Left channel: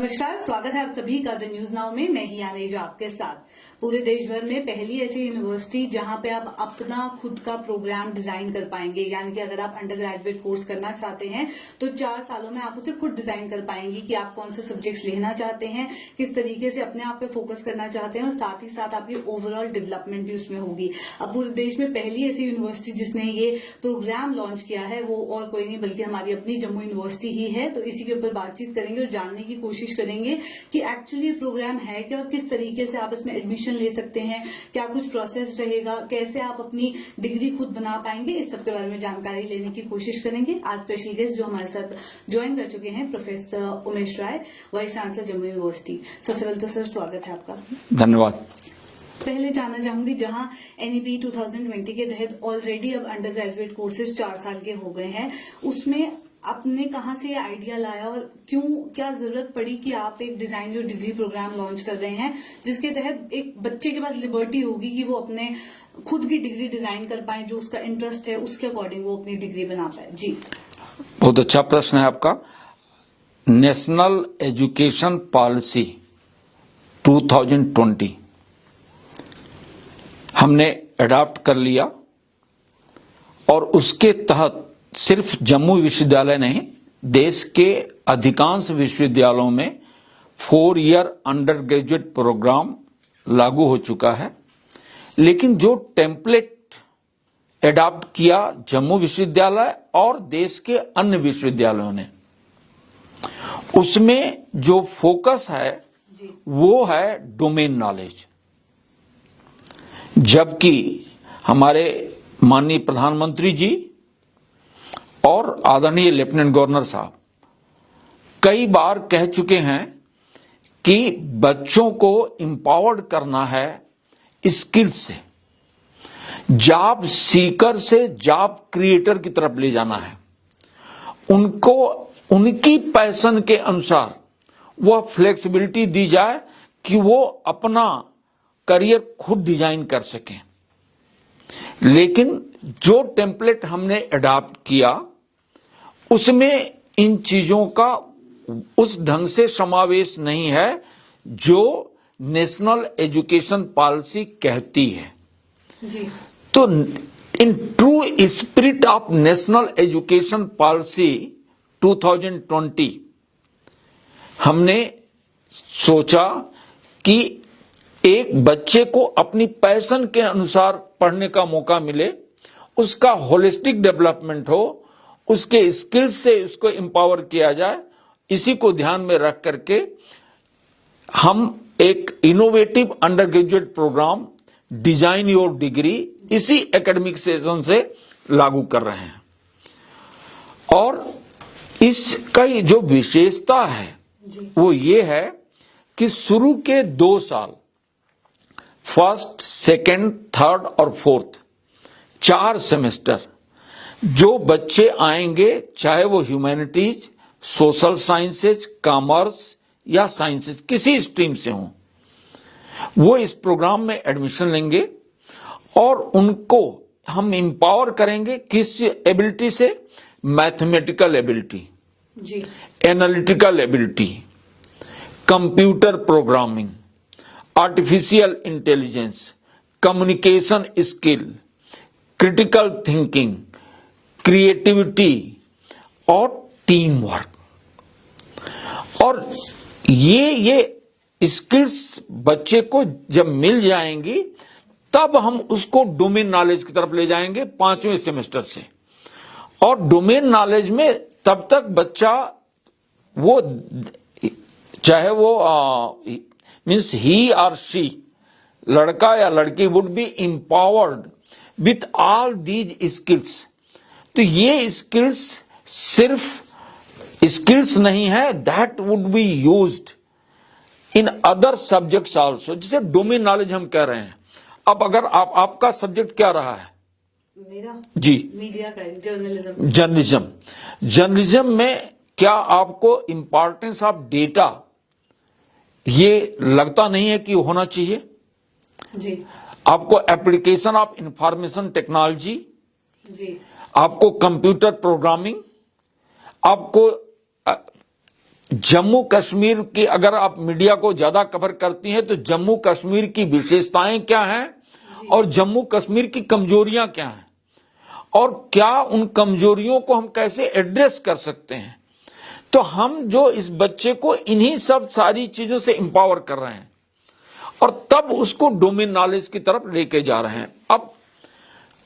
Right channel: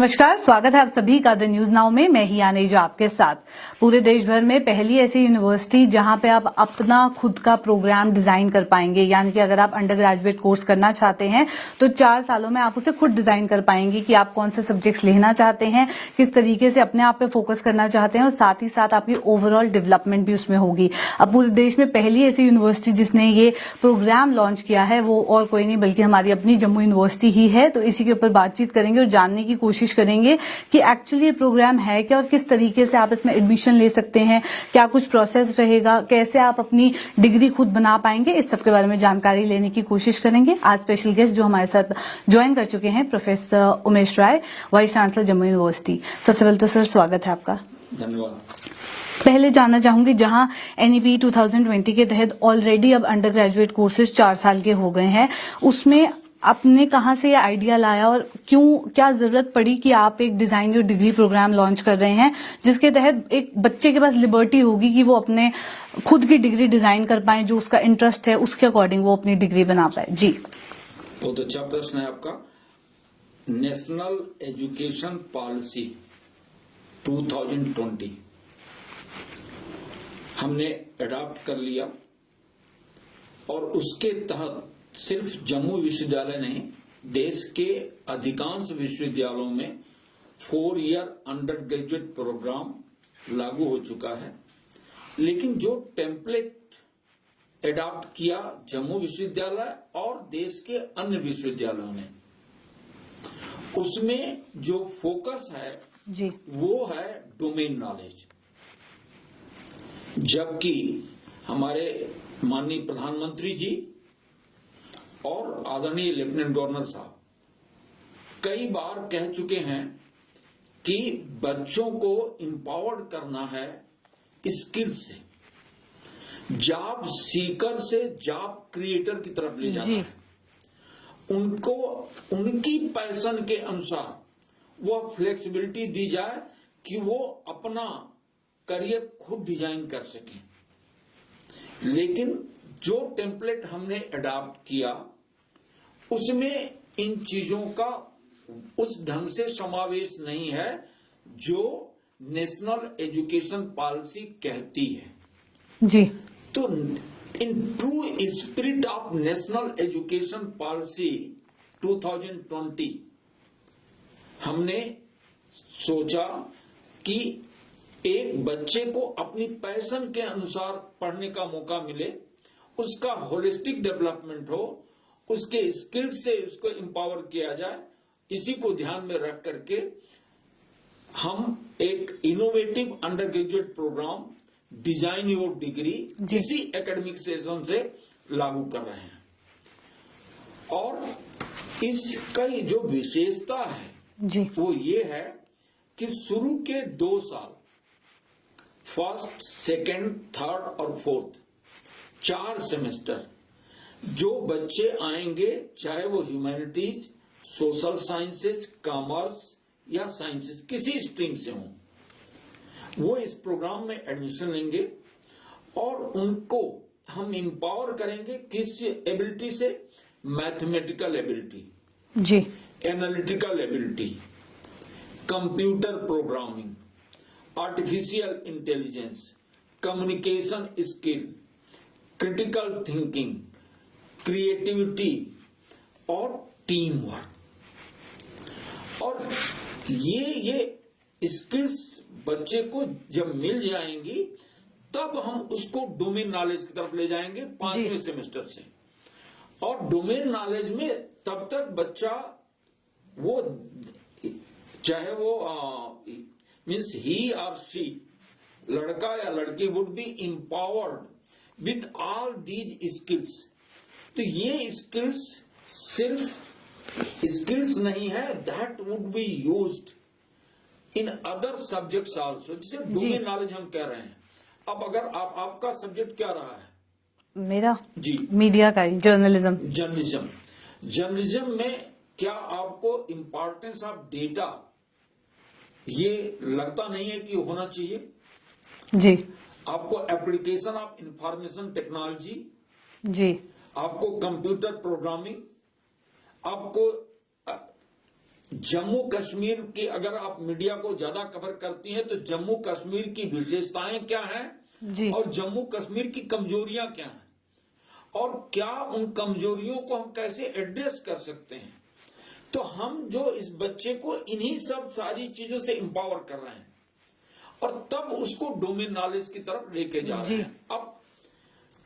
नमस्कार, स्वागत है आप सभी का द न्यूज नाउ में। मैं ही आने जो आपके साथ। पूरे देश भर में पहली ऐसी यूनिवर्सिटी जहां पे आप अपना खुद का प्रोग्राम डिजाइन कर पाएंगे, यानी कि अगर आप अंडर ग्रेजुएट कोर्स करना चाहते हैं तो 4 सालों में आप उसे खुद डिजाइन कर पाएंगे कि आप कौन से सब्जेक्ट्स लेना चाहते हैं, किस तरीके से अपने आप पे फोकस करना चाहते हैं और साथ ही साथ आपकी ओवरऑल डेवलपमेंट भी उसमें होगी। अब पूरे देश में पहली ऐसी यूनिवर्सिटी जिसने ये प्रोग्राम लॉन्च किया है वो और कोई नहीं बल्कि हमारी अपनी जम्मू यूनिवर्सिटी ही है। तो इसी के ऊपर बातचीत करेंगे और जानने की कोशिश करेंगे कि एक्चुअली ये प्रोग्राम है क्या और किस तरीके से आप इसमें एडमिशन ले सकते हैं, क्या कुछ प्रोसेस रहेगा, कैसे आप अपनी डिग्री खुद बना पाएंगे, इस सब के बारे में जानकारी लेने की कोशिश करेंगे। आज स्पेशल गेस्ट जो हमारे साथ ज्वाइन कर चुके हैं, प्रोफेसर उमेश राय, वाइस चांसलर जम्मू यूनिवर्सिटी। सबसे पहले तो सर स्वागत है आपका। धन्यवाद। पहले जानना चाहूंगी, जहां एनईपी 2020 के तहत ऑलरेडी अब अंडर ग्रेजुएट कोर्सेज 4 साल के हो गए हैं, उसमें आपने कहां से ये आइडिया लाया और क्यों, क्या जरूरत पड़ी कि आप एक design your degree programme launch कर रहे हैं जिसके तहत एक बच्चे के पास लिबर्टी होगी कि वो अपने खुद की डिग्री डिजाइन कर पाए, जो उसका इंटरेस्ट है उसके अकॉर्डिंग वो अपनी डिग्री बना पाए। जी, बहुत अच्छा प्रश्न है आपका। नेशनल एजुकेशन पॉलिसी 2020 हमने अडॉप्ट कर लिया और उसके तहत सिर्फ जम्मू विश्वविद्यालय नहीं, देश के अधिकांश विश्वविद्यालयों में 4 ईयर अंडर ग्रेजुएट प्रोग्राम लागू हो चुका है। लेकिन जो टेम्पलेट अडॉप्ट किया जम्मू विश्वविद्यालय और देश के अन्य विश्वविद्यालयों ने, उसमें जो फोकस है जी, वो है डोमेन नॉलेज। जबकि हमारे माननीय प्रधानमंत्री जी और आदरणीय लेफ्टिनेंट गवर्नर साहब कई बार कह चुके हैं कि बच्चों को एम्पावर्ड करना है स्किल्स से, जॉब सीकर से जॉब क्रिएटर की तरफ ले जाना है। उनको उनकी पैशन के अनुसार वह फ्लेक्सिबिलिटी दी जाए कि वो अपना करियर खुद डिजाइन कर सकें। लेकिन जो टेम्पलेट हमने अडॉप्ट किया उसमें इन चीजों का उस ढंग से समावेश नहीं है जो नेशनल एजुकेशन पॉलिसी कहती है। जी, तो in true spirit of national education policy 2020 हमने सोचा कि एक बच्चे को अपनी पैशन के अनुसार पढ़ने का मौका मिले, उसका होलिस्टिक डेवलपमेंट हो, उसके स्किल्स से उसको एम्पावर किया जाए। इसी को ध्यान में रख करके हम एक innovative undergraduate programme design your degree इसी एकेडमिक सेशन से लागू कर रहे हैं। और इसका जो विशेषता है जी, वो ये है कि शुरू के 2 साल, फर्स्ट, सेकेंड, थर्ड और फोर्थ 4 सेमेस्टर जो बच्चे आएंगे, चाहे वो ह्यूमैनिटीज, सोशल साइंसेज, कॉमर्स या साइंसेज किसी स्ट्रीम से हों, वो इस प्रोग्राम में एडमिशन लेंगे और उनको हम एम्पावर करेंगे। किस एबिलिटी से? मैथमेटिकल एबिलिटी जी, analytical ability, computer programming, artificial intelligence, communication skill, critical thinking, creativity और टीम वर्क। और ये स्किल्स बच्चे को जब मिल जाएंगी तब हम उसको डोमेन नॉलेज की तरफ ले जाएंगे 5वें सेमेस्टर से। और डोमेन नॉलेज में तब तक बच्चा वो, चाहे वो मीन्स ही और शी, लड़का या लड़की, would be empowered with all these skills. तो ये स्किल्स सिर्फ स्किल्स नहीं है, that would be used in other subjects also, जिसे डोमेन नॉलेज हम कह रहे हैं। अब अगर आपका सब्जेक्ट क्या रहा है? मेरा जी, मीडिया का, जर्नलिज्म। जर्नलिज्म में क्या आपको इंपॉर्टेंस ऑफ डेटा ये लगता नहीं है कि होना चाहिए? जी, आपको एप्लीकेशन ऑफ इंफॉर्मेशन टेक्नोलॉजी, जी, आपको कंप्यूटर प्रोग्रामिंग, आपको जम्मू कश्मीर की, अगर आप मीडिया को ज्यादा कवर करती हैं तो जम्मू कश्मीर की विशेषताएं क्या हैं और जम्मू कश्मीर की कमजोरियां क्या हैं और क्या उन कमजोरियों को हम कैसे एड्रेस कर सकते हैं। तो हम जो इस बच्चे को इन्हीं सब सारी चीजों से एम्पावर कर रहे हैं और तब उसको डोमेन नॉलेज की तरफ लेके जा रहे हैं। अब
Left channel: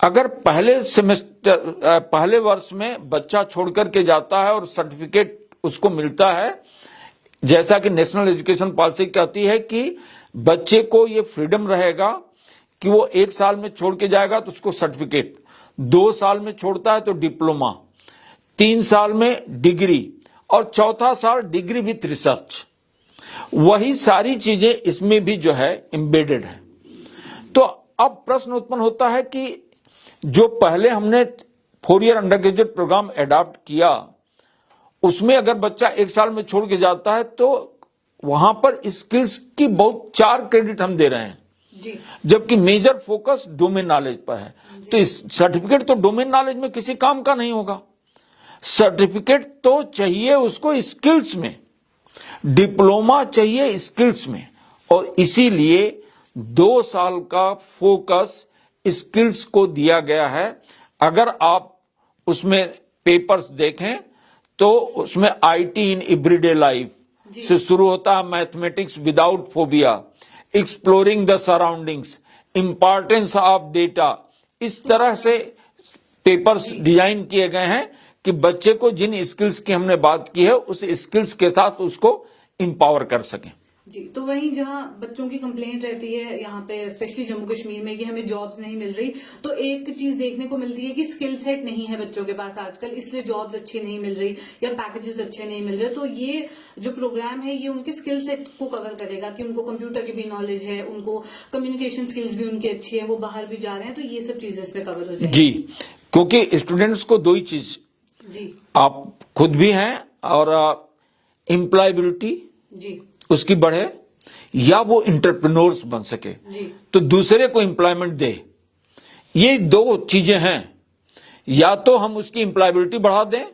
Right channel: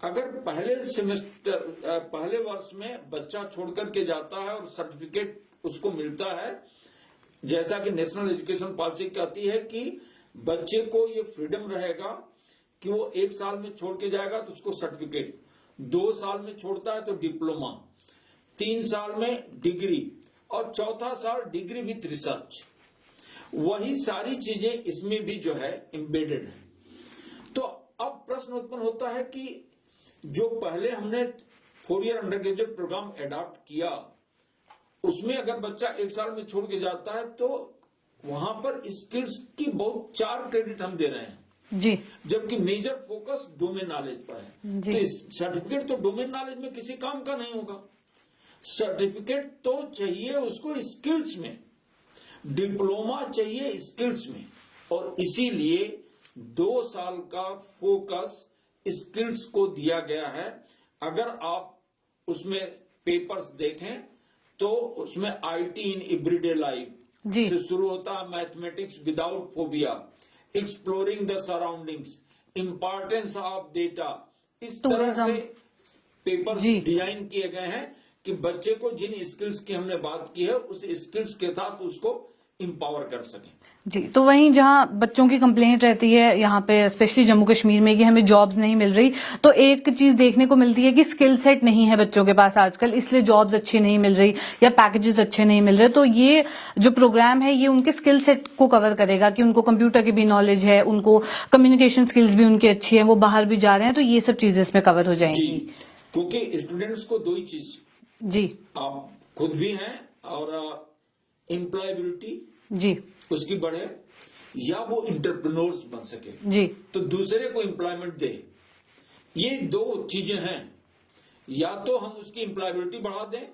अगर पहले वर्ष में बच्चा छोड़ करके जाता है और सर्टिफिकेट उसको मिलता है, जैसा कि नेशनल एजुकेशन पॉलिसी कहती है कि बच्चे को ये फ्रीडम रहेगा कि वो 1 साल में छोड़ के जाएगा तो उसको सर्टिफिकेट, 2 साल में छोड़ता है तो डिप्लोमा, 3 साल में डिग्री और 4था साल डिग्री विथ रिसर्च। वही सारी चीजें इसमें भी जो है एम्बेडेड है। तो अब प्रश्न उत्पन्न होता है कि जो पहले हमने 4 year undergraduate programme adopt किया, उसमें अगर बच्चा 1 साल में छोड़ के जाता है तो वहां पर स्किल्स की बहुत 4 क्रेडिट हम दे रहे हैं जी, जबकि मेजर फोकस डोमेन नॉलेज पर है। तो इस सर्टिफिकेट तो डोमेन नॉलेज में किसी काम का नहीं होगा, सर्टिफिकेट तो चाहिए उसको स्किल्स में, डिप्लोमा चाहिए स्किल्स में, और इसीलिए 2 साल का फोकस स्किल्स को दिया गया है। अगर आप उसमें पेपर्स देखें तो उसमें आईटी इन एवरीडे लाइफ से शुरू होता है, mathematics without phobia, exploring the surroundings, importance of data, इस तरह से पेपर्स डिजाइन किए गए हैं कि बच्चे को जिन स्किल्स की हमने बात की है उस स्किल्स के साथ उसको एम्पावर कर सकें। जी, तो वहीं जहां बच्चों की कंप्लेंट रहती है यहाँ पे स्पेशली जम्मू कश्मीर में कि हमें जॉब्स नहीं मिल रही, तो एक चीज देखने को मिलती है कि स्किल सेट नहीं है बच्चों के पास आजकल, इसलिए जॉब्स अच्छी नहीं मिल रही या पैकेजेस अच्छे नहीं मिल रहे। तो ये जो प्रोग्राम है ये उनके स्किल सेट को कवर करेगा कि उनको कंप्यूटर की भी नॉलेज है, उनको कम्युनिकेशन स्किल्स भी उनकी अच्छी है, वो बाहर भी जा रहे हैं, तो ये सब चीजें इसमें कवर हो जाएंगी। जी, क्योंकि स्टूडेंट्स को 2 ही चीज, जी, आप खुद भी हैं और एम्प्लॉयबिलिटी जी, उसकी बढ़े या वो इंटरप्रेन्योर्स बन सके, जी, तो दूसरे को एम्प्लॉयमेंट दे। ये 2 चीजें हैं, या तो हम उसकी एम्प्लॉयबिलिटी बढ़ा दें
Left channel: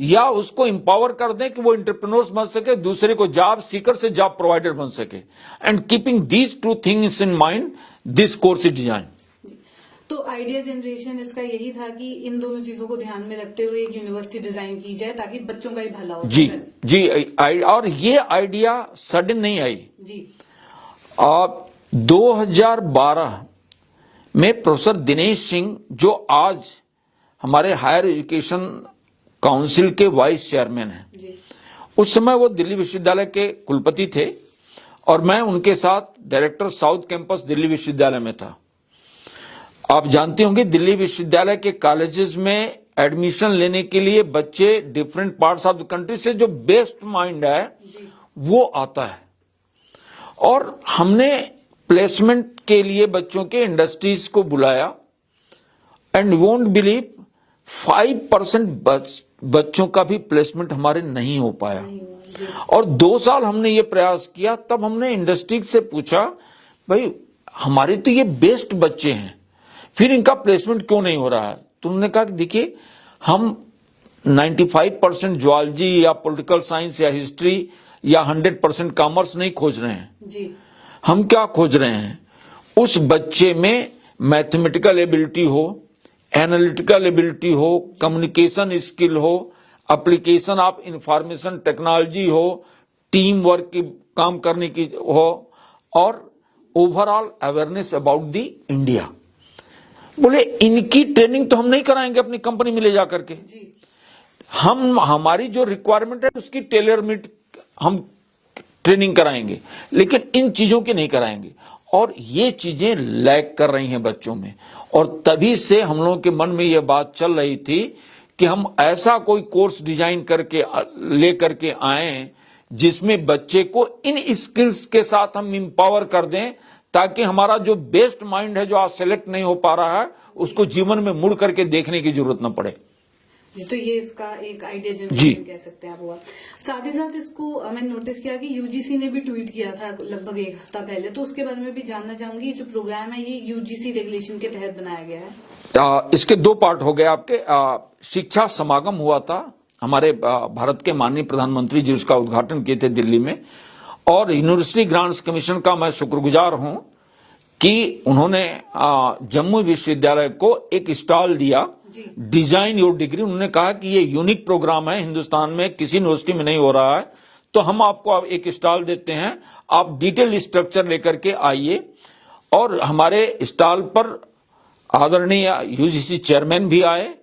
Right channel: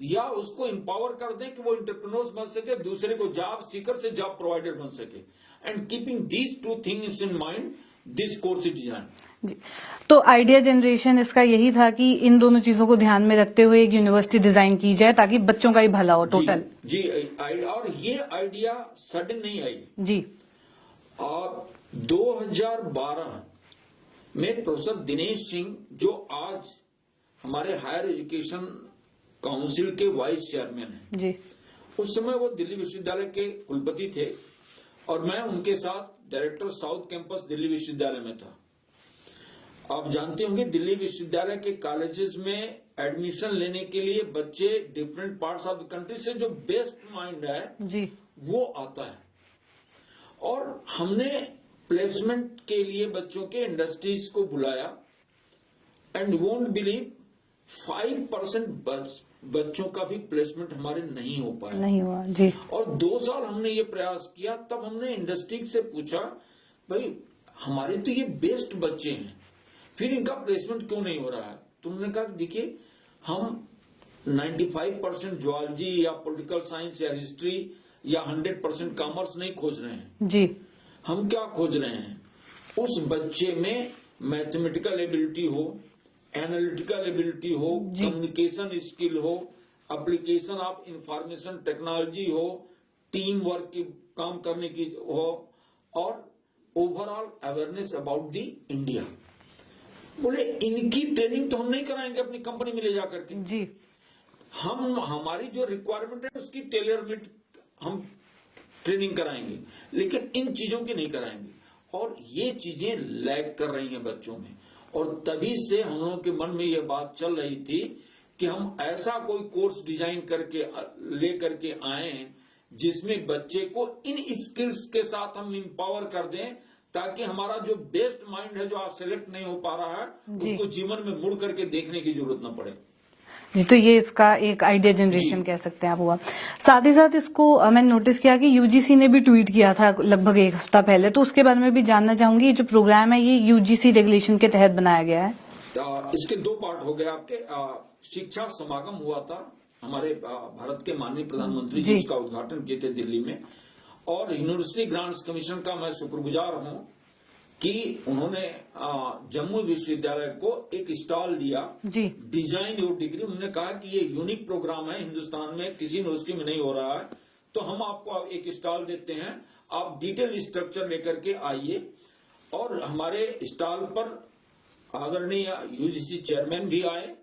या उसको एम्पावर कर दें कि वो इंटरप्रेन्योर्स बन सके, दूसरे को जॉब सीकर से जॉब प्रोवाइडर बन सके। And keeping these 2 things in mind this course is design. जी, तो आइडिया जनरेशन इसका यही था कि इन दोनों चीजों को ध्यान में रखते हुए एक यूनिवर्सिटी डिजाइन की जाए ताकि बच्चों का ही भला हो टोटल। जी, और ये आइडिया सडन नहीं आई जी। 2012 में प्रोफेसर दिनेश सिंह, जो आज हमारे हायर एजुकेशन काउंसिल के वाइस चेयरमैन हैं जी, उस समय वो दिल्ली विश्वविद्यालय के कुलपति थे और मैं उनके साथ डायरेक्टर साउथ कैंपस दिल्ली विश्वविद्यालय में था। आप जानते होंगे दिल्ली विश्वविद्यालय के कॉलेजेस में एडमिशन लेने के लिए बच्चे different parts of the country से जो बेस्ट माइंड है जी, वो आता है, और हमने प्लेसमेंट के लिए बच्चों के इंडस्ट्रीज को बुलाया एंड वोंट बिलीव 5% बच्चों का भी प्लेसमेंट हमारे नहीं हो पाया। नहीं हुआ जी। और 2 साल हमने ये प्रयास किया, तब हमने इंडस्ट्री से पूछा भाई हमारे तो ये बेस्ट बच्चे हैं, फिर इनका प्लेसमेंट क्यों नहीं हो रहा है। तो उन्होंने कहा कि देखिए हम 95% ज्वालजी या पॉलिटिकल साइंस या हिस्ट्री या 100% कॉमर्स नहीं खोज रहे हैं जी। हम क्या खोज रहे हैं, उस बच्चे में मैथमेटिकल एबिलिटी हो, एनालिटिकल एबिलिटी हो, कम्युनिकेशन स्किल हो, एप्लीकेशन ऑफ इंफॉर्मेशन टेक्नोलॉजी हो, टीम वर्क की काम करने की हो, और overall awareness about the India. बोले इनकी ट्रेनिंग तो हम नहीं कराएंगे अपनी कंपनी में ले जाकर के जी। हम हमारी जो रिक्वायरमेंट है उसकी टेलर मेड हम ट्रेनिंग कराएंगे, लेकिन इन चीजों की नहीं कराएंगे। और ये चीजें लैग कर रही हैं बच्चों में, और तभी से हम लोगों के मन में यह बात चल रही थी कि हम ऐसा कोई कोर्स डिजाइन करके लेकर के आए जिसमें बच्चे को इन स्किल्स के साथ हम एम्पावर कर दें, ताकि हमारा जो बेस्ट माइंड है जो आज सेलेक्ट नहीं हो पा रहा है उसको जीवन में मुड़ करके देखने की जरूरत न पड़े। जी, तो ये इसका एक आइडिया जनरेशन कह सकते हैं आप हुआ। साथ ही साथ इसको मैंने नोटिस किया कि यूजीसी ने भी ट्वीट किया था लगभग 1 हफ्ता पहले, तो उसके बारे में भी जानना चाहूंगी। ये जो प्रोग्राम है ये यूजीसी रेगुलेशन के तहत बनाया गया है। इसके 2 पार्ट हो गए आपके। शिक्षा समागम हुआ था हमारे भारत के माननीय प्रधानमंत्री जी उसका उद्घाटन किए थे दिल्ली में। और यूनिवर्सिटी ग्रांट्स कमीशन का मैं शुक्रगुजार हूं कि उन्होंने जम्मू विश्वविद्यालय को एक स्टॉल दिया, डिजाइन योर डिग्री। उन्होंने कहा कि ये यूनिक प्रोग्राम है, हिंदुस्तान में किसी यूनिवर्सिटी में नहीं हो रहा है, तो हम आपको एक स्टॉल देते हैं, आप डिटेल स्ट्रक्चर लेकर के आइए। और हमारे स्टॉल पर आदरणीय यूजीसी चेयरमैन भी आए,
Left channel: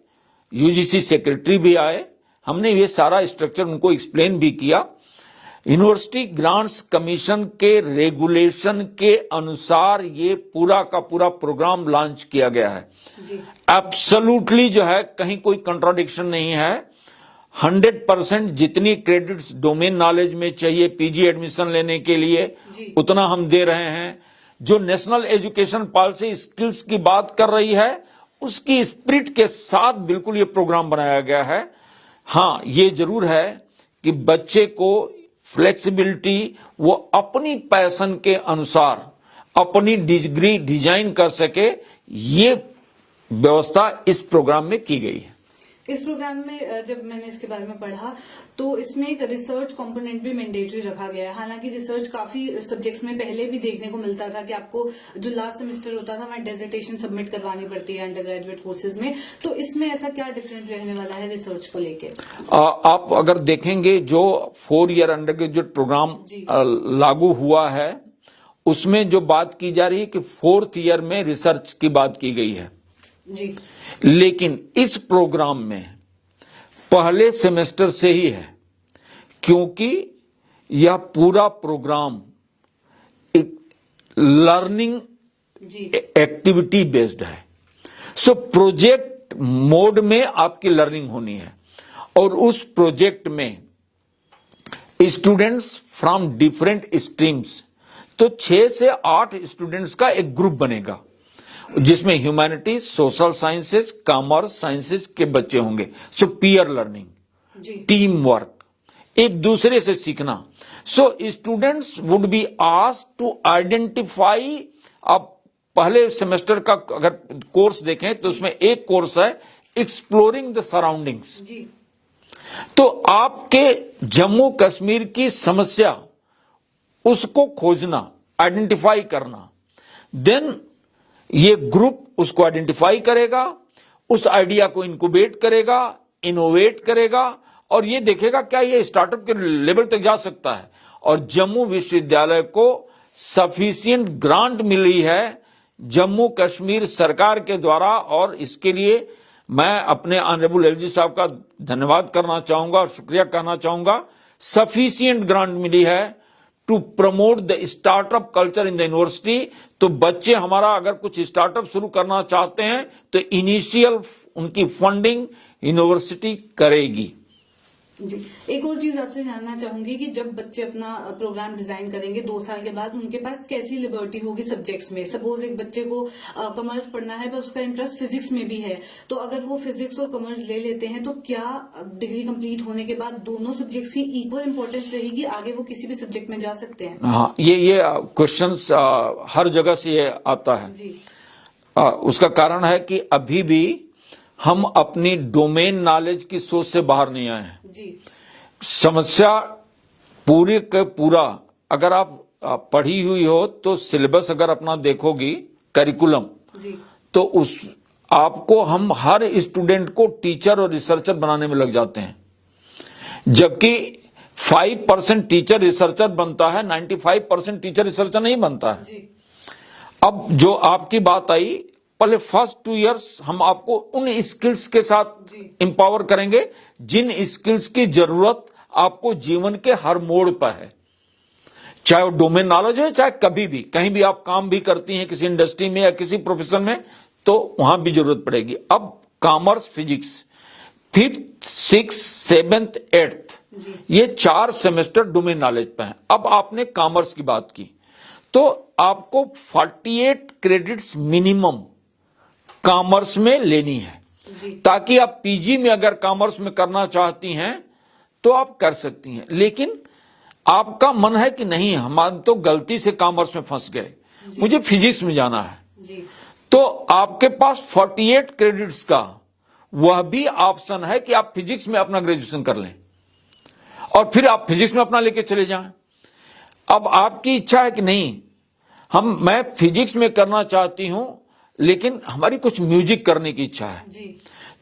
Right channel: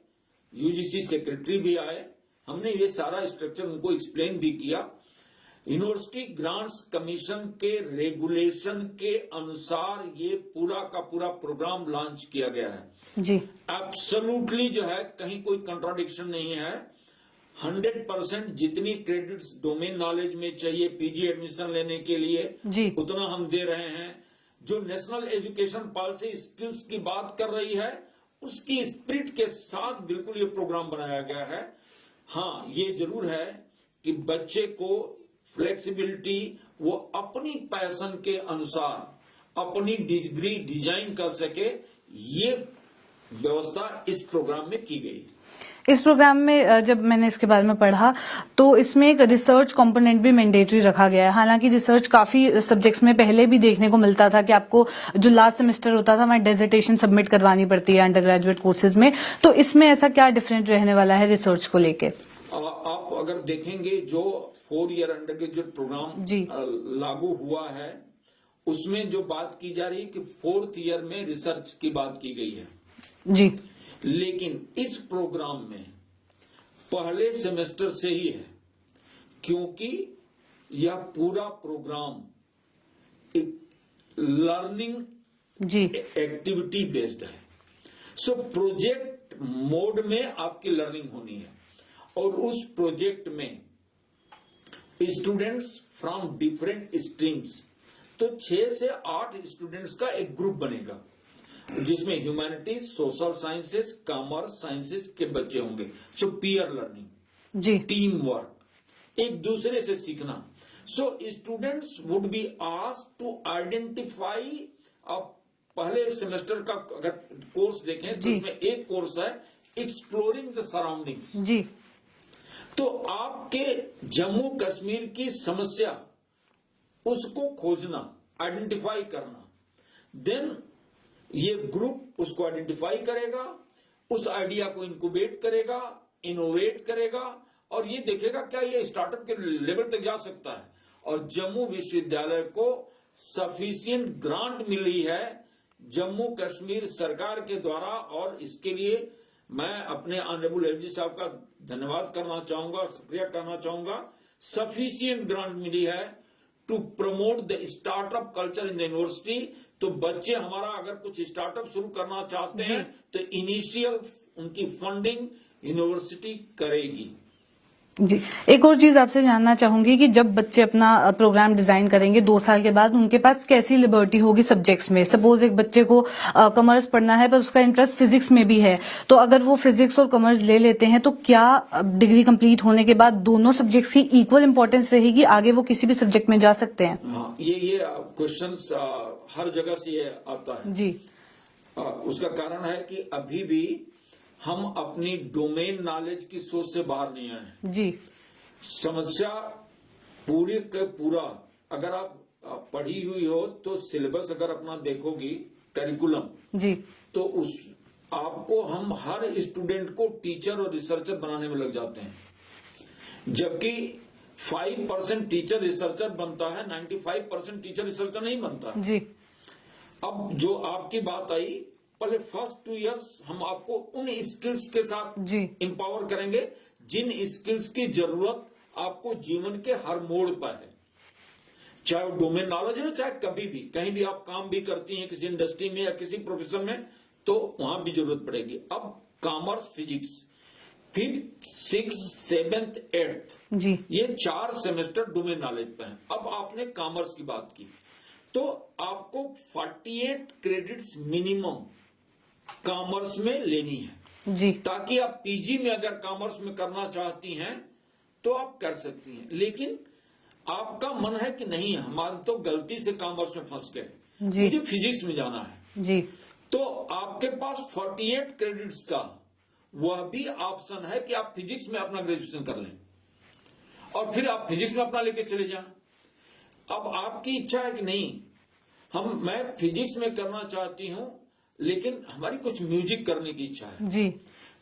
यूजीसी सेक्रेटरी भी आए, हमने ये सारा स्ट्रक्चर उनको एक्सप्लेन भी किया। यूनिवर्सिटी ग्रांट्स कमीशन के रेगुलेशन के अनुसार ये पूरा का पूरा प्रोग्राम लॉन्च किया गया है जी। एब्सोल्युटली जो है कहीं कोई कंट्राडिक्शन नहीं है। 100% जितनी क्रेडिट्स डोमेन नॉलेज में चाहिए पीजी एडमिशन लेने के लिए उतना हम दे रहे हैं। जो नेशनल एजुकेशन पॉलिसी स्किल्स की बात कर रही है उसकी स्पिरिट के साथ बिल्कुल ये प्रोग्राम बनाया गया है। हाँ, ये जरूर है कि बच्चे को फ्लेक्सिबिलिटी, वो अपनी पैशन के अनुसार अपनी डिग्री डिजाइन कर सके, ये व्यवस्था इस प्रोग्राम में की गई है। इस प्रोग्राम में जब मैंने इसके बारे में पढ़ा तो इसमें एक रिसर्च कंपोनेंट भी मैंडेटरी रखा गया है। हालांकि रिसर्च काफी सब्जेक्ट्स में पहले भी देखने को मिलता था कि आपको जो लास्ट सेमेस्टर होता था वहाँ डिसर्टेशन सबमिट करवानी पड़ती है अंडर ग्रेजुएट कोर्सेज में, तो इसमें ऐसा क्या डिफरेंट रहने वाला है रिसर्च को लेके? आप अगर देखेंगे जो 4 ईयर अंडर ग्रेजुएट प्रोग्राम लागू हुआ है उसमें जो बात की जा रही है कि 4th ईयर में रिसर्च की बात की गई है जी। लेकिन इस प्रोग्राम में पहले सेमेस्टर से ही है, क्योंकि यह पूरा प्रोग्राम एक लर्निंग एक्टिविटी बेस्ड है। सो प्रोजेक्ट मोड में आपकी लर्निंग होनी है और उस प्रोजेक्ट में स्टूडेंट्स फ्रॉम डिफरेंट स्ट्रीम्स, तो 6 से 8 स्टूडेंट्स का एक ग्रुप बनेगा जिसमें humanities, social sciences, commerce, sciences के बच्चे होंगे। सो पीयर लर्निंग जी, टीम वर्क, एक दूसरे से सीखना। So students would be asked to identify. अब पहले सेमेस्टर का अगर कोर्स देखें तो उसमें एक कोर्स है एक्सप्लोरिंग द सराउंडिंग्स जी। तो आपके जम्मू कश्मीर की समस्या उसको खोजना, आइडेंटिफाई करना, देन ये ग्रुप उसको आइडेंटिफाई करेगा, उस आइडिया को इनक्यूबेट करेगा, इनोवेट करेगा और ये देखेगा क्या ये स्टार्टअप के लेवल तक जा सकता है। और जम्मू विश्वविद्यालय को सफिशिएंट ग्रांट मिली है जम्मू कश्मीर सरकार के द्वारा, और इसके लिए मैं अपने ऑनरेबल एलजी साहब का धन्यवाद करना चाहूंगा और शुक्रिया करना चाहूंगा। सफिशिएंट ग्रांट मिली है to promote the startup culture in the university. तो बच्चे हमारा अगर कुछ स्टार्टअप शुरू करना चाहते हैं तो इनिशियल उनकी फंडिंग यूनिवर्सिटी करेगी जी। एक और चीज आपसे जानना चाहूंगी कि जब बच्चे अपना प्रोग्राम डिजाइन करेंगे 2 साल के बाद, उनके पास कैसी लिबर्टी होगी सब्जेक्ट्स में? सपोज एक बच्चे को कॉमर्स पढ़ना है पर उसका इंटरेस्ट फिजिक्स में भी है, तो अगर वो फिजिक्स और कॉमर्स ले लेते हैं तो क्या डिग्री कंप्लीट होने के बाद दोनों सब्जेक्ट्स की इक्वल इंपॉर्टेंस रहेगी, आगे वो किसी भी सब्जेक्ट में जा सकते हैं? हाँ, ये क्वेश्चन हर जगह से ये आता है जी। उसका कारण है कि अभी भी हम अपनी डोमेन नॉलेज की सोच से बाहर नहीं आए हैं जी। समस्या पूरी के पूरा अगर आप पढ़ी हुई हो तो सिलेबस अगर अपना देखोगी करिकुलम जी, तो उस आपको हम हर स्टूडेंट को टीचर और रिसर्चर बनाने में लग जाते हैं, जबकि 5% टीचर रिसर्चर बनता है, 95% टीचर रिसर्चर नहीं बनता है जी। अब जो आपकी बात आई, पहले फर्स्ट 2 इयर्स हम आपको उन स्किल्स के साथ एम्पावर करेंगे जिन स्किल्स की जरूरत आपको जीवन के हर मोड़ पर है, चाहे वो डोमेन नॉलेज है, चाहे कभी भी कहीं भी आप काम भी करती हैं किसी इंडस्ट्री में या किसी प्रोफेशन में, तो वहां भी जरूरत पड़ेगी। अब commerce, physics 5th, 6th, 7th, 8th जी, ये 4 सेमेस्टर डोमेन नॉलेज पे हैं। अब आपने कॉमर्स की बात की तो आपको 48 क्रेडिट्स मिनिमम कॉमर्स में लेनी है जी, ताकि आप पीजी में अगर कॉमर्स में करना चाहती हैं तो आप कर सकती हैं। लेकिन आपका मन है कि नहीं, हम तो गलती से कॉमर्स में फंस गए, मुझे फिजिक्स में जाना है जी, तो आपके पास 48 क्रेडिट्स का वह भी ऑप्शन है कि आप फिजिक्स में अपना ग्रेजुएशन कर लें और फिर आप फिजिक्स में अपना लेके चले जाएं। अब आपकी इच्छा है कि नहीं मैं फिजिक्स में करना चाहती हूं लेकिन हमारी कुछ म्यूजिक करने की इच्छा है जी,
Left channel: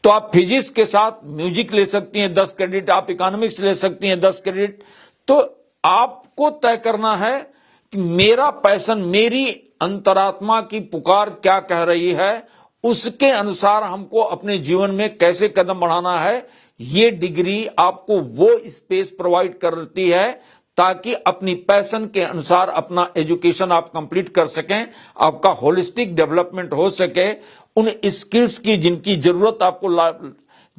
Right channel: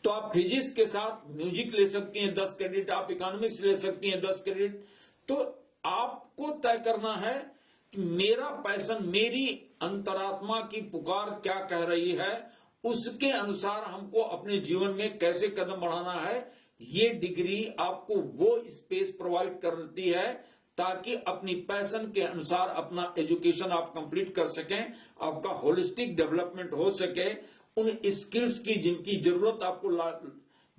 तो आप फिजिक्स के साथ म्यूजिक ले सकती हैं 10 क्रेडिट, आप इकोनॉमिक्स ले सकती हैं 10 क्रेडिट। तो आपको तय करना है कि मेरा पैशन, मेरी अंतरात्मा की पुकार क्या कह रही है, उसके अनुसार हमको अपने जीवन में कैसे कदम बढ़ाना है। ये डिग्री आपको वो स्पेस प्रोवाइड करती है ताकि अपनी पैशन के अनुसार अपना एजुकेशन आप कंप्लीट कर सकें, आपका होलिस्टिक डेवलपमेंट हो सके, उन स्किल्स की जिनकी जरूरत आपको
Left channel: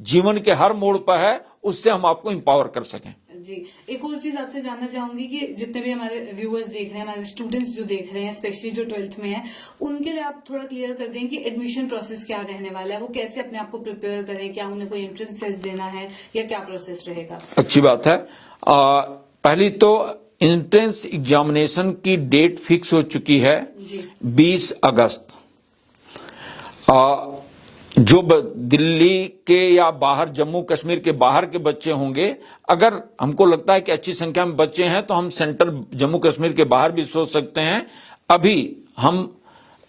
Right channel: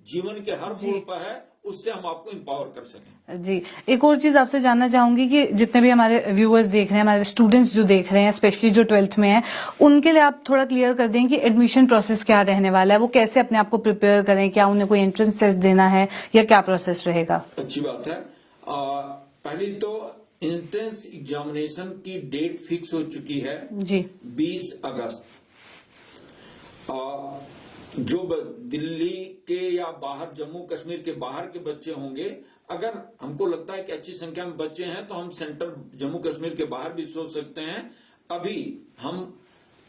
जीवन के हर मोड़ पर है, उससे हम आपको इंपावर कर सकें। जी, एक और चीज आपसे जानना चाहूंगी कि जितने भी हमारे व्यूअर्स देख रहे हैं, हमारे स्टूडेंट्स जो देख रहे हैं, स्पेशली जो 12th में हैं, उनके लिए आप थोड़ा क्लियर कर दें कि एडमिशन प्रोसेस क्या रहने वाला है, वो कैसे अपने आप को प्रिपेयर करें, क्या उन्हें कोई एंट्रेंस टेस्ट देना है या क्या प्रोसेस रहेगा? अच्छी बात है। पहली तो एंट्रेंस एग्जामिनेशन की डेट फिक्स हो चुकी है जी, 20 अगस्त। जो दिल्ली के या बाहर, जम्मू कश्मीर के बाहर के बच्चे होंगे, अगर हमको लगता है कि अच्छी संख्या में बच्चे हैं तो हम सेंटर जम्मू कश्मीर के बाहर भी सोच सकते हैं। अभी हम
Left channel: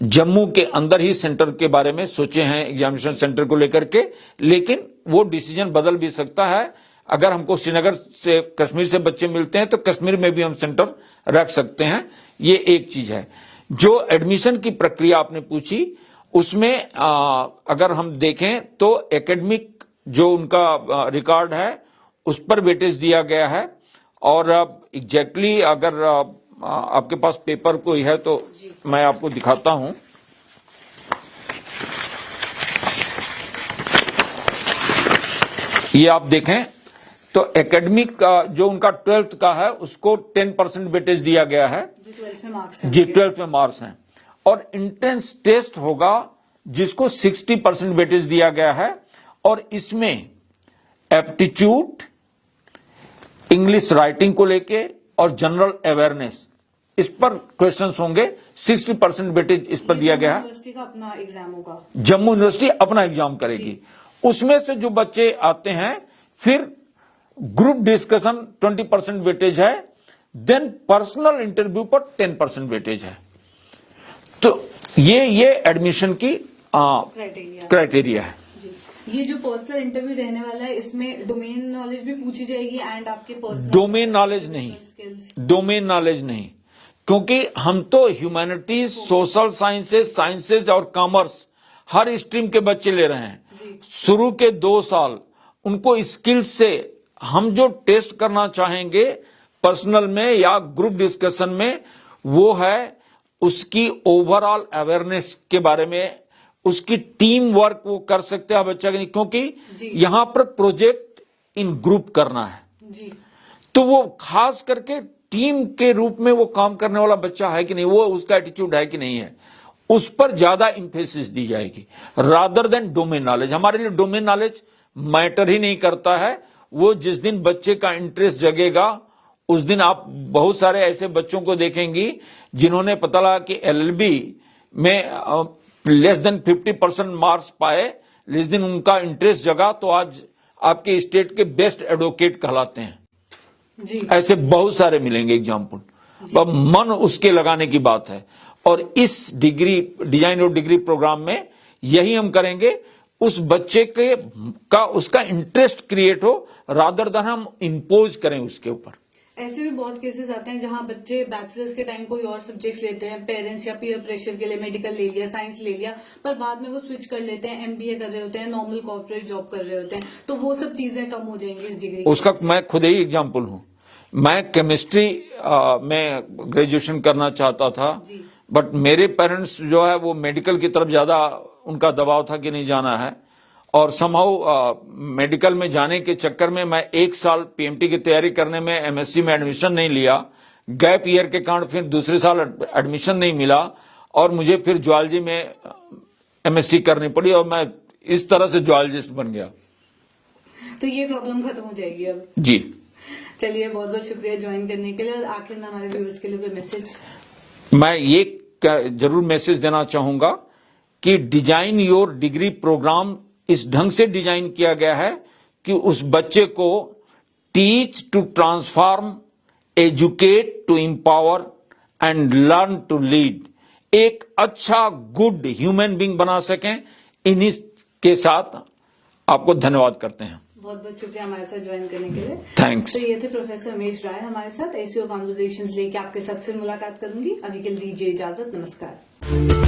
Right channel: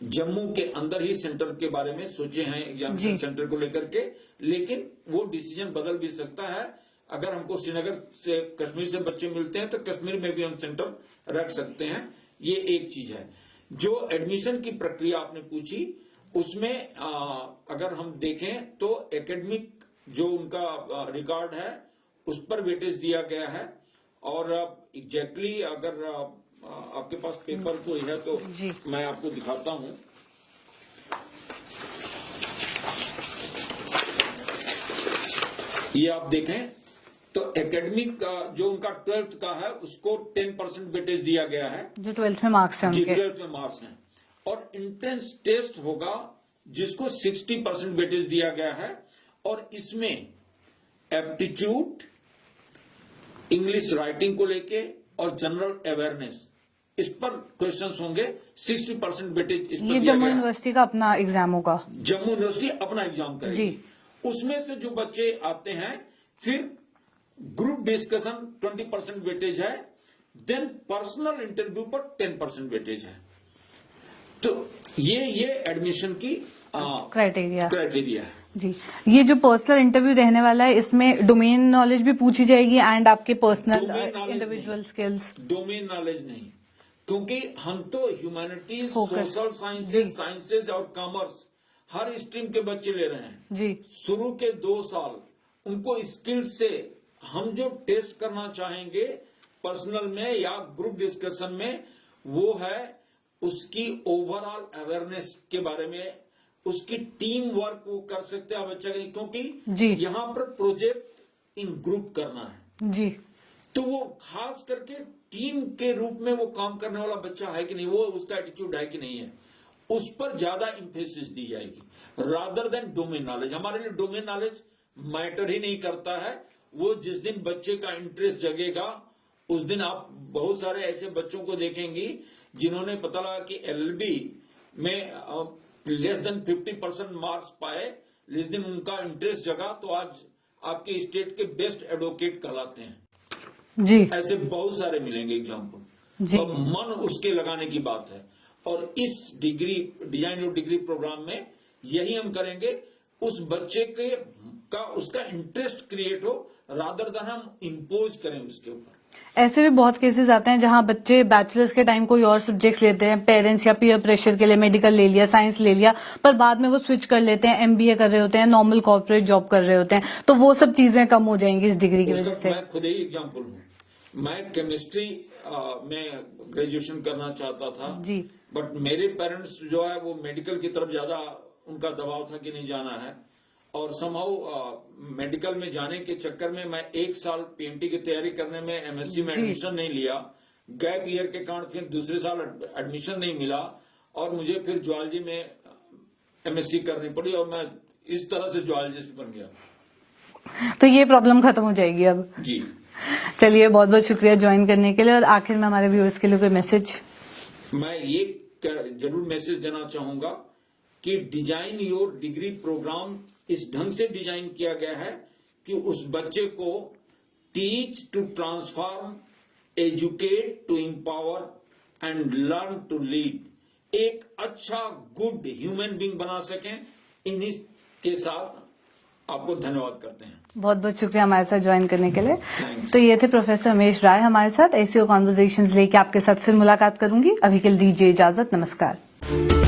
जम्मू के अंदर ही सेंटर के बारे में सोचे हैं एग्जामिनेशन सेंटर को लेकर के, लेकिन वो डिसीजन बदल भी सकता है। अगर हमको श्रीनगर से, कश्मीर से बच्चे मिलते हैं तो कश्मीर में भी हम सेंटर रख सकते हैं। ये एक चीज है। जो एडमिशन की प्रक्रिया आपने पूछी, उसमें अगर हम देखें तो एकेडमिक जो उनका रिकॉर्ड है उस पर वेटेज दिया गया है। और एग्जैक्टली अगर आपके पास पेपर कोई है तो मैं आपको दिखाता हूं। ये आप देखें तो एकेडमिक जो उनका 12th का है उसको 10% वेटेज दिया गया है, जो 12th में मार्क्स हैं जी उनके। 12th में मार्क्स हैं। और एंट्रेंस टेस्ट होगा जिसको 60% वेटेज दिया गया है, और इसमें एप्टीट्यूड, इंग्लिश राइटिंग को लेके और जनरल अवेयरनेस, इस पर क्वेश्चंस होंगे। 60% वेटेज इस पर दिया गया है। यूनिवर्सिटी का अपना एग्जाम होगा, जम्मू यूनिवर्सिटी अपना एग्जाम करेगी। उसमें से जो बच्चे आते हैं, फिर ग्रुप डिस्कशन 20% वेटेज है, देन पर्सनल इंटरव्यू पर 10% वेटेज है। तो ये एडमिशन की क्राइटेरिया है। जी, ये जो पर्सनल इंटरव्यू रहने वाला है, इसमें डोमेन नॉलेज भी पूछी जाएगी एंड आपके पर्सनल डोमेन नॉलेज नहीं, स्किल्स। डोमेन नॉलेज नहीं, क्योंकि हम तो ह्यूमैनिटीज, सोशल साइंसेज और कॉमर्स हर स्ट्रीम के बच्चे ले रहे हैं जी। शुरू के 2 साल उनको स्किल्स से हम जो टेस्ट करना चाहेंगे पर्सनल में या ग्रुप डिस्कशन में, वो है उसकी ओवरऑल अवेयरनेस के बारे में, उसकी टीम वर्क वो कर सकते हैं बच्चा के लिए, क्योंकि यहां पर प्रोजेक्ट इन ग्रुप करना है जी। तो वो खास करके टीम के रूप में वो काम करने वाला बच्चा है कि नहीं, वो उसका एटीट्यूड है कि नहीं है, उस पर ज्यादा इंफेसिस दी जाएगी रादर देन डोमेन नॉलेज। हमारे लिए डोमेन नॉलेज मैटर ही नहीं करता है। वो जिस दिन बच्चे का इंटरेस्ट जगेगा उस दिन आप बहुत सारे ऐसे बच्चों को देखेंगी जिन्होंने पता लगा कि एलएलबी में लेस देन 50% मार्क्स पाए, जिस दिन उनका इंटरेस्ट जगा तो आज आपके स्टेट के बेस्ट एडवोकेट कहलाते हैं जी। ऐसे बहुत सारे मिलेंगे एग्जाम्पल। अब मन उसके लगाने की बात है, और इस डिजाइन और डिग्री प्रोग्राम में यही हम करेंगे, उस बच्चे का उसका इंटरेस्ट क्रिएट हो रादर देन हम इंपोज करें उसके ऊपर। ऐसे भी बहुत केसेस आते हैं जहां बच्चे बैचलर्स के टाइम कोई और सब्जेक्ट्स लेते हैं, पेरेंट्स या पीयर प्रेशर के लिए मेडिकल ले लिया, साइंस ले लिया, पर बाद में वो स्विच कर लेते हैं, एमबीए कर रहे होते हैं, नॉर्मल कॉर्पोरेट जॉब कर रहे होते हैं, तो वो सब चीजें कम हो जाएंगी इस डिग्री की उसका वजह से। मैं खुद ही एग्जाम्पल हूं। मैं केमिस्ट्री में ग्रेजुएशन करना चाहता था, बट मेरे पेरेंट्स जो है वो मेडिकल की तरफ ज्यादा उनका दबाव था कि नहीं जाना है, और समहाउ मेडिकल में जाने के चक्कर में मैं 1 साल पीएमटी की तैयारी करने में एमएससी में एडमिशन नहीं लिया। गैप ईयर के कारण फिर दूसरे साल एडमिशन नहीं मिला, और मुझे फिर ज्वालजी में एमएससी करनी पड़ी, और मैं इस तरह से ज्वालजिस्ट बन गया। तो ये प्रॉब्लम खत्म हो जाएगी अब। जी, चलिए, बहुत बहुत शुक्रिया ज्वाइन करने के लिए। और आखिर में हमारे व्यूअर्स के लिए कोई मैसेज? मैं ये जरूर मैसेज देना चाहूंगा कि डिजाइन योर डिग्री प्रोग्राम इस ढंग से डिजाइन किया गया है कि उस बच्चे को teach to transform, educate to empower and learn to lead, एक अच्छा गुड ह्यूमन बीइंग बना सकें। इन्हीं के साथ आपको धन्यवाद करते हैं। बहुत बहुत शुक्रिया हमारे साथ ज्वाइन करने के लिए। थैंक्स। तो ये थे प्रोफेसर उमेश राय हमारे साथ। एसईओ कॉन्वर्सेशंस लेके आपके साथ फिर मुलाकात करूंगी। अभी के लिए दीजिए इजाजत। नमस्कार।